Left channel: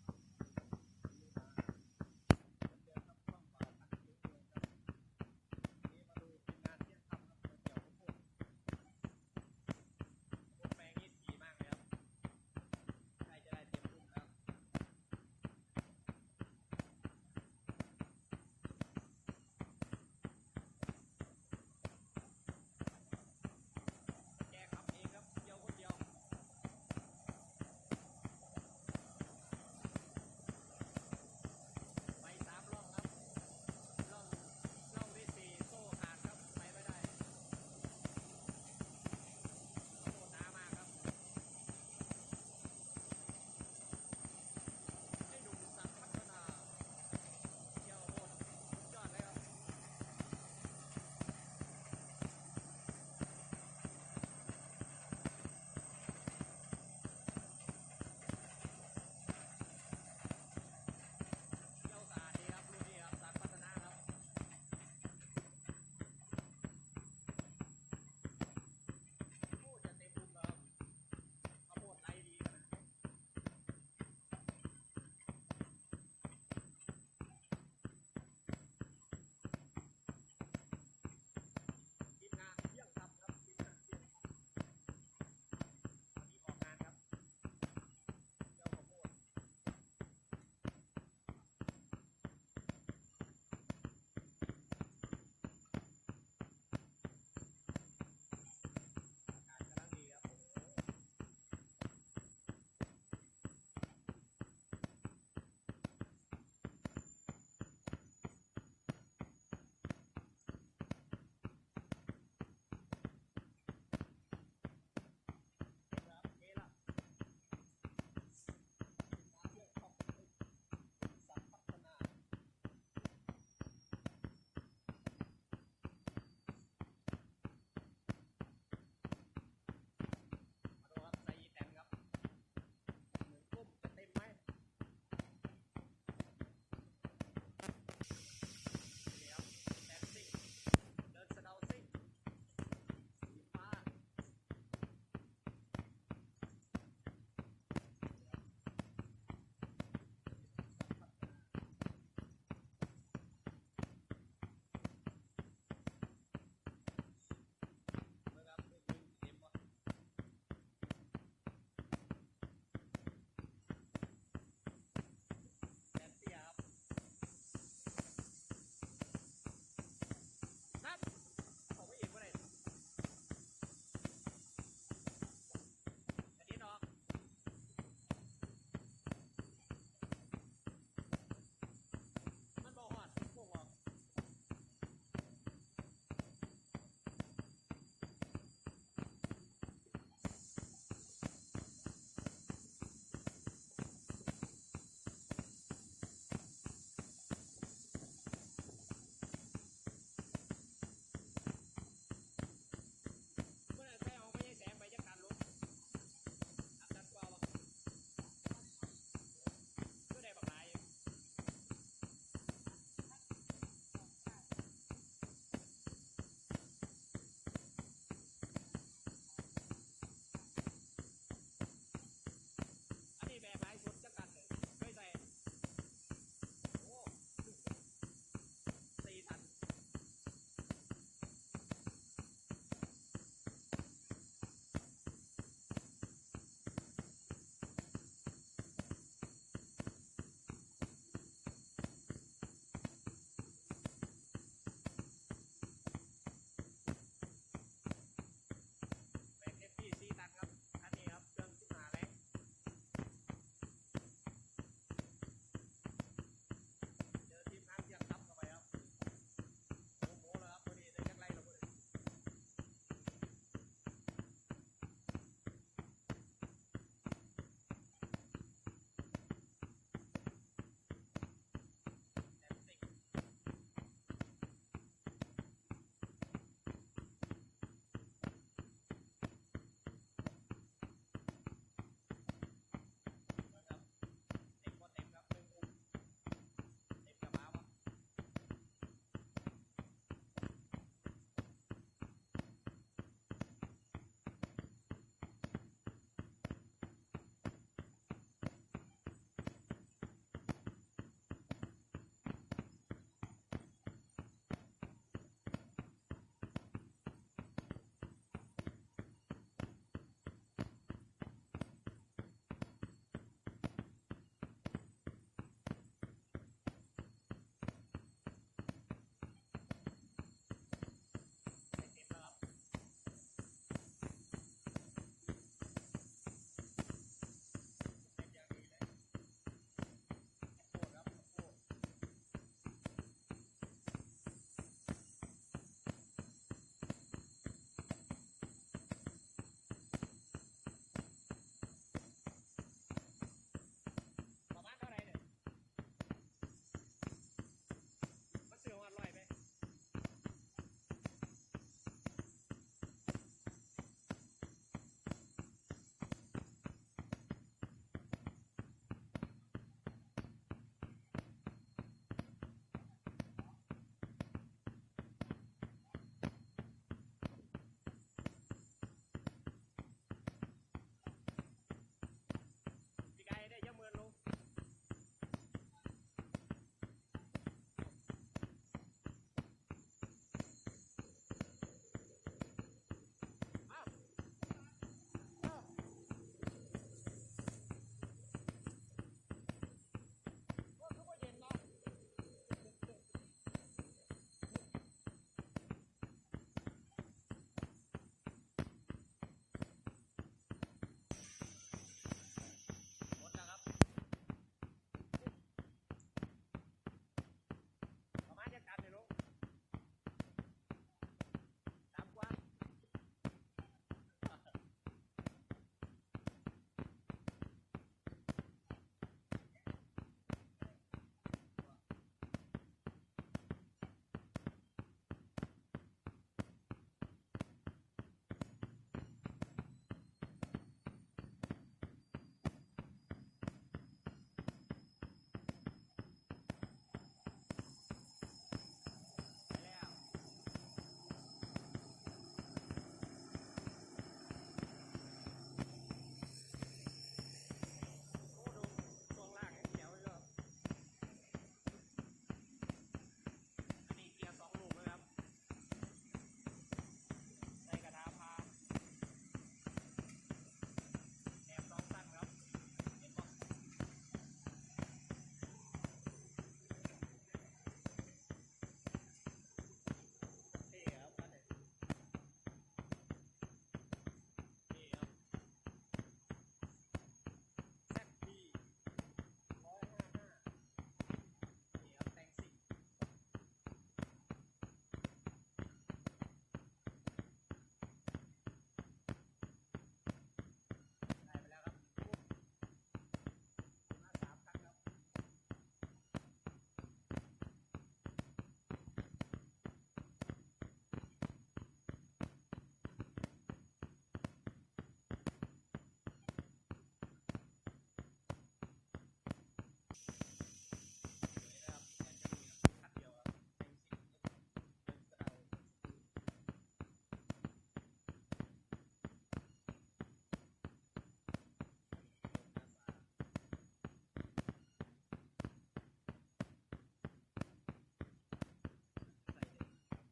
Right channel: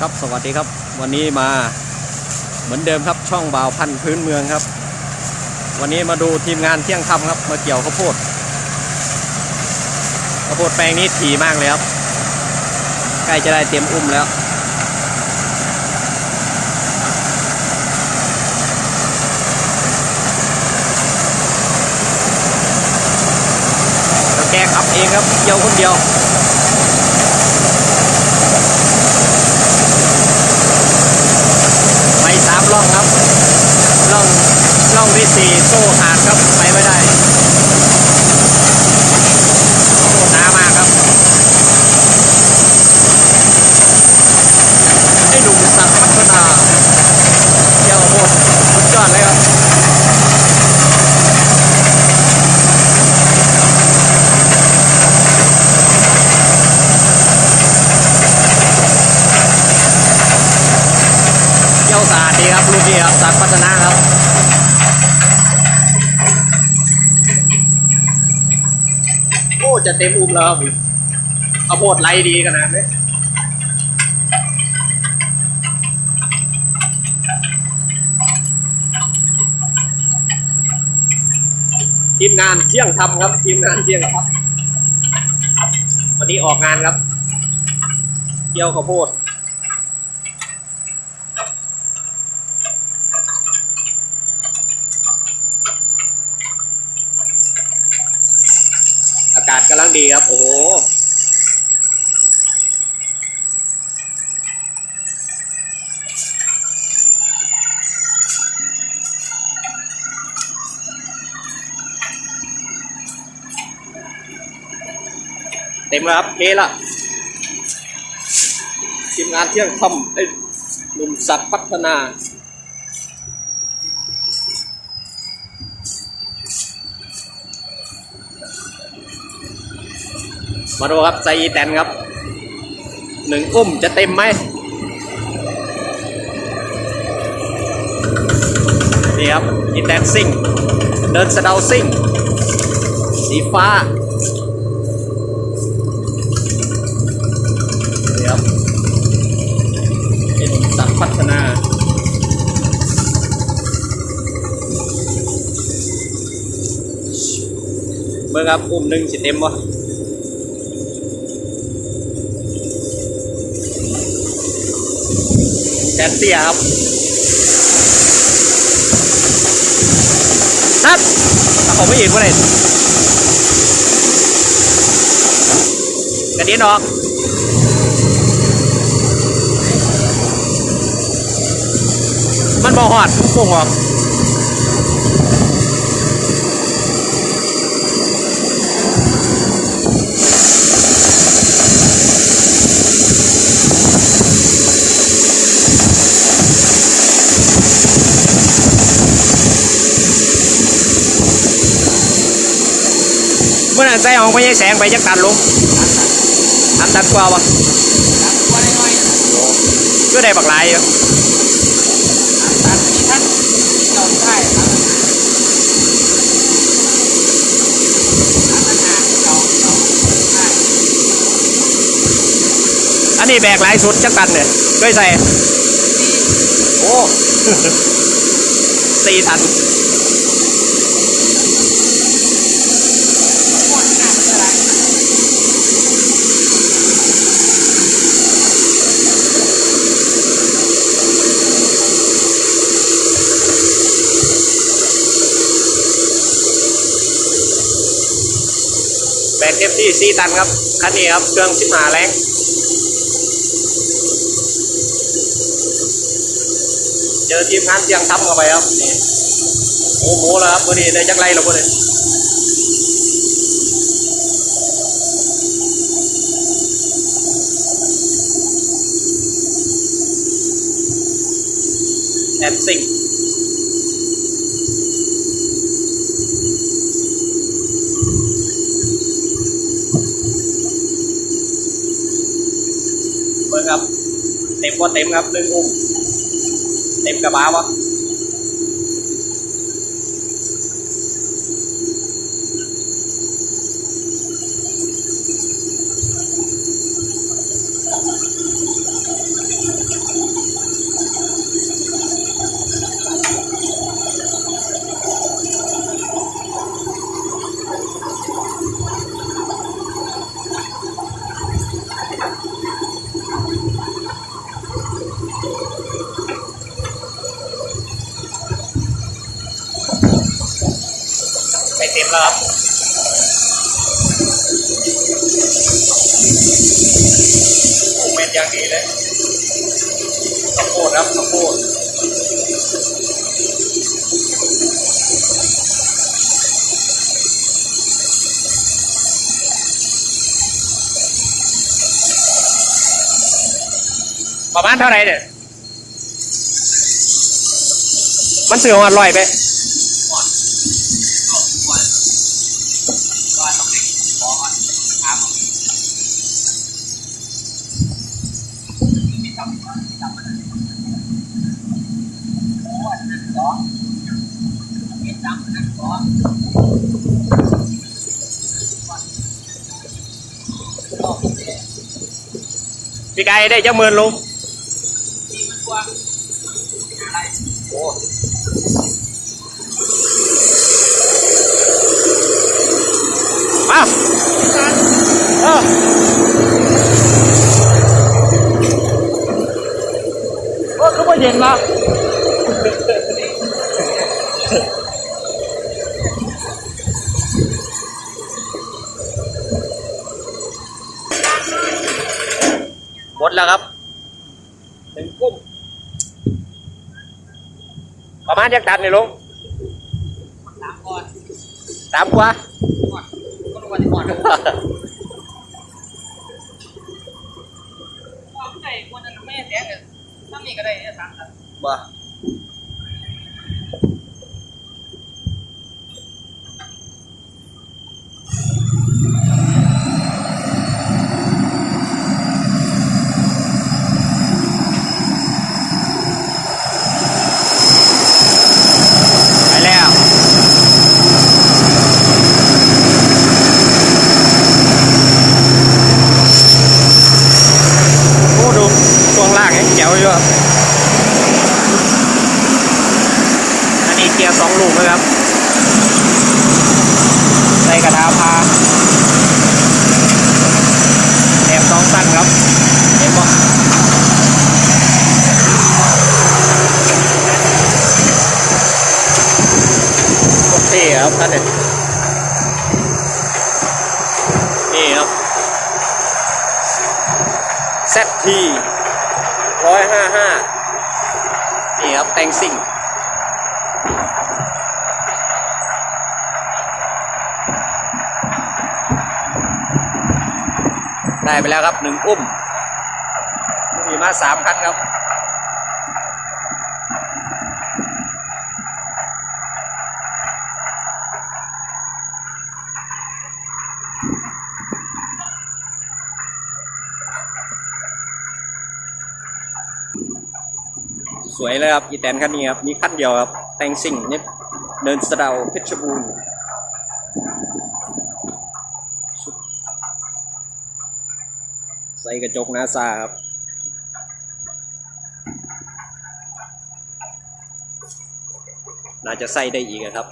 ครับสวัสดีครับ วันนี้มาเหมือนเดิมครับช่องบ่าวพันธุ์พื้นเมืองครับ วันนี้มาดูทีมงานเที่ยงคำครับมาเกี่ยวข้าวโพดข้าวโพดแปลงนี้ถี่มากเลยครับใกล้จะได้เตรียมอุ้มแล้วแกขับเองครับเกี่ยวคนเดียว ไปสามล่องครับ ล่อง ที่สี่โซ่ขาดครับ ไปไม่ได้โซ่หนามากครับไอ้หนุ่มสัตว์พัฒนาเที่ยวโหดสุดยอดเลยครับ เที่ยวสะอาดดีครับรุ่นนี้ครับสัตว์พัฒนาครับ โอ้ จะเต็มอุ้มแล้วครับเอาโพดไล่ดีขนาดนี้ทีมงานเที่ยงทำครับ ทีมงานเที่ยงครับ วันนี้ออกงานครับ เกี่ยวข้าวโพด อากาศกำลังดีครับ โอ้โห เต็มแล้วครับเทละทีมงานเที่ยงคำไอ้หนุ่มสัตว์พัฒนามาดูครับไซแตนครับหนึ่งอุ้มจะเต็มไหมนี่ครับอีแตนซิ่ง เดินสะเดาซิ่ง สีฟ้านี่ครับเป็นสัตว์พัฒนา เบิ่งครับอุ้มหนึ่งสิเต็มวะแทนเตี้ยครับนัดถ้าเขาไม่เห็นว่าไหนกระเด็นออกมันบอหอดโป่งออก เมื่อนั้นใจของพญายแสงไปจักตันลุงอันตันกว่าวะก็ได้บักหลายอยู่อัน แบกหลายสุดจักตันเอ้สี่ตันแบกเต็มที่สี่ตันครับ คันนี้ครับ เครื่องสิบหาแรงเจอทีมงานเสียงทำเข้าไปครับนี่โอ้โหแล้วครับวันนี้ได้จักไรแล้ววันนี้แอนซิง เต็มว่าเต็มครับหนึ่งอุ้มเต็มกระบะวะ แล้วครับโอ้เม็ดอย่างดีเลยข้าวโพดครับข้าวโพดประมาณเท่าไหร่เนี่ย มันเสืออร่อยไป พี่ไก่ได้จังหมื่นลุงโอ้มาเออโอ้คือว่า เย็นละหมดแล้วครับเป็นกุ้งประมาณจักตันนี่ลุงสามก่อนสามกว่าก่อนก็รู้ว่าจะก่อนเอาผู้ใดคนนั้นไม่แจ้งเลย ถ้ามีก็ได้เนี่ยสามครับ บ่ไปแล้ว โอ้ดูช่วงล่างยังเจ๋วอยู่ครับ อันนี้เกียร์สองลูกนะครับใส่กระทาพาแอบสองสั้นครับเห็นปะโอเคครับท่านเนี่ยนี่ครับเซตทีร้อยห้าห้านี่ครับแต่งซิ่ง ได้ไปแล้วครับหนึ่งอุ้มมีมาสามคันครับสวยเลยครับอีแตนคันนี้ครับ มีคันเดียวครับ แต่งสิ่งเนี่เดินสะเดาเพชรบูรณ์ ส่กระจกนาซาครับน่าจะใส่ได้อีกอะครับ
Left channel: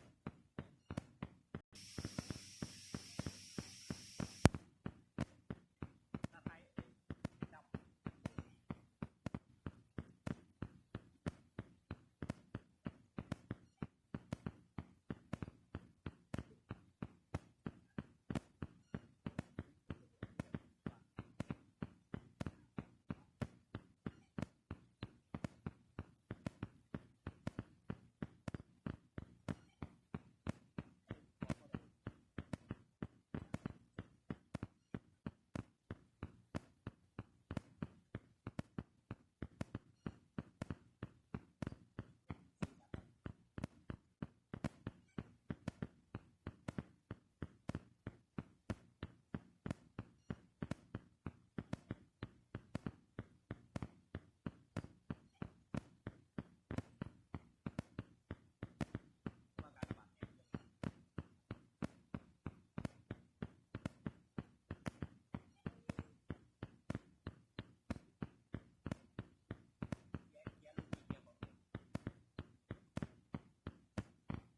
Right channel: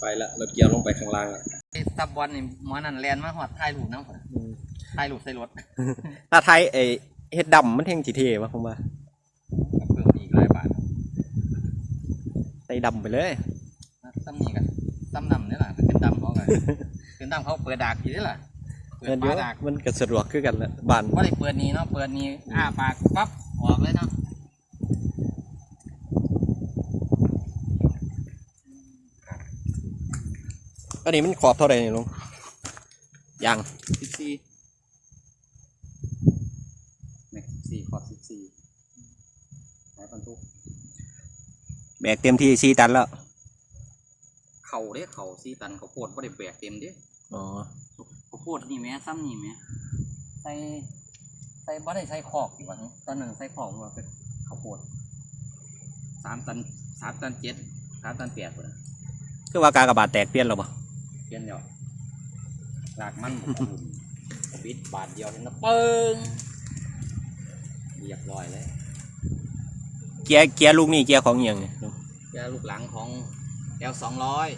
ไปละรถเกียร์ลงไปข้างล่างละไอ้ซับบอลนี่หมอนั่นแลนมาหอดถ่ายรูปน้ำข่อยถ่ายรูปใส่รถ ถ้าไทยไอเฮ็ดดำมันเท่งจีเทวะผมว่า เพิ่มอีกหลายบาท ใส่ ดำไปเลยซ้ำนี่กันซ้ำนำนี่แหละเป็นดำเขาไงเป็นดำเขาเปิดดากอยู่นี่แหละเปิเงิดนเยฝาอะดากมันก็สะดวกคือกันแหละบ้านว่าได้เปิดนี้เนาะเปิดนี้อ้าปากปั๊บออกเลยเนาะอันนี้มันขอบเท่าไหร่นี่ลุงยังสิบสี่เนี่ยสี่ขอบสิบสี่ไหนบรรทุก แบ กเต็มที่สี่ตันแล้ว เข่าเด้เข่าสี่ตันข้าวโพดก็ได้แบกเต็มเด้อ๋อ ข้าวโพดนี่แหม่ซ้ำนี่แหม่ใส่ใส่บ่ได้ใส่ขอกอีกวันตอนนั้นใส่ขอกว่าเป็นข้าวโพดสามตันสามตันเจ็ดสามตันแปดเลยคือว่ากากระบาดแตกเปลี่ยนแล้วปะเปลี่ยนแล้วหลากมันบ่บุญปิดบาทเดียวนี่นะเปิงเรียบร้อยเลย เกียร์เกียร์ลูกนี่เกียร์ของอหย่างเนี่ย ลุงยาลูกหลังของ L สองร้อย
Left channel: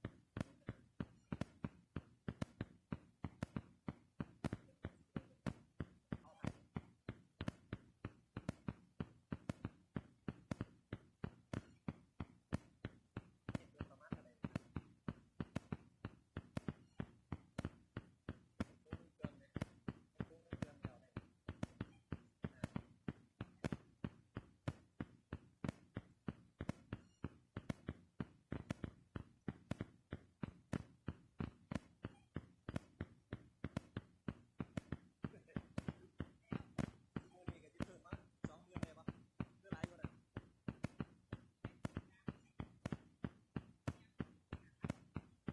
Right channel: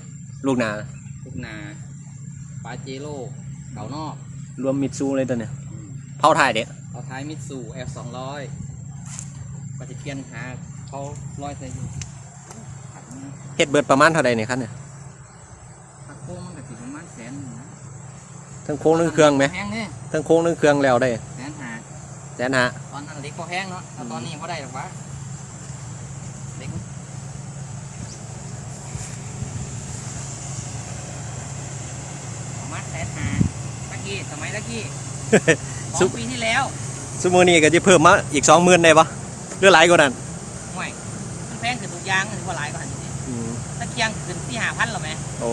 ลูกหนา ลูกนาปาเจโร่เก่านอกรวมมิตซูเลยตัวเนี่ยอืมเผาถ่ายเด็กเอาท้ายมิตซู F สองร้อยปฏิเกียนหาเขาร้อยใส่อยู่ขัดมันเฮ็ดเบิดประมาณเท่าใดนี่คันเนี่ยผักโค้งมันก็สิประมาณแสนหนึ่งนะทั้งโค้งทั้งเครื่องไหมแพงเนี่ยทั้งโค้งทั้งเครื่องแล้วได้แสนหาแสนหาตอนนั้นเล็กพอแพงเนาะแต่ตอนนี้พอได้หรอกวะเล็กประมาณแสนหาตะกี้ สมัยตะกี้สองปีที่แล้วสมมุตินี้ก็จะเพิ่มมาอีก20,000ได้ปะหรือหลายกว่านั้นห่วยมันแพงขึ้นทุกอย่างถือว่าหลายกว่าหันจริงอืมๆตะเกียงขึ้นที่หาพันหรอไหมโอ้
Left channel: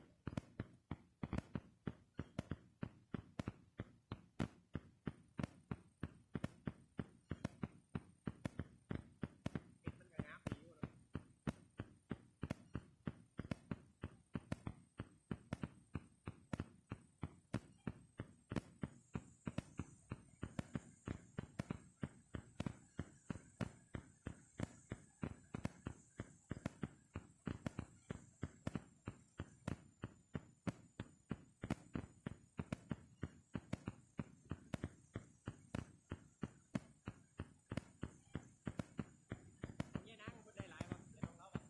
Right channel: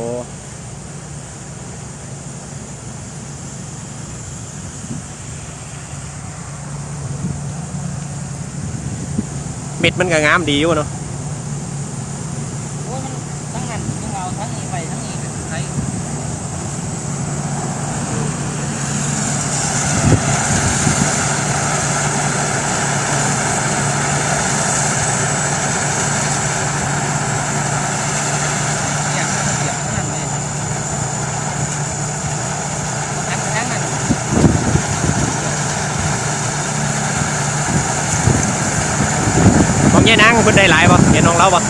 เม็ดมันก็งามดีอยู่เนาะโอ้ยมันทั้งนั้นทั้งเราทั้งนี้ไปทั้งนี้ก็ใช้ อยากให้มันเสียบทั้งนั้นเลยทั้งทั้งนั้น ของ ยายนางเพิ่นได้หลายปะเห็นของเราปะ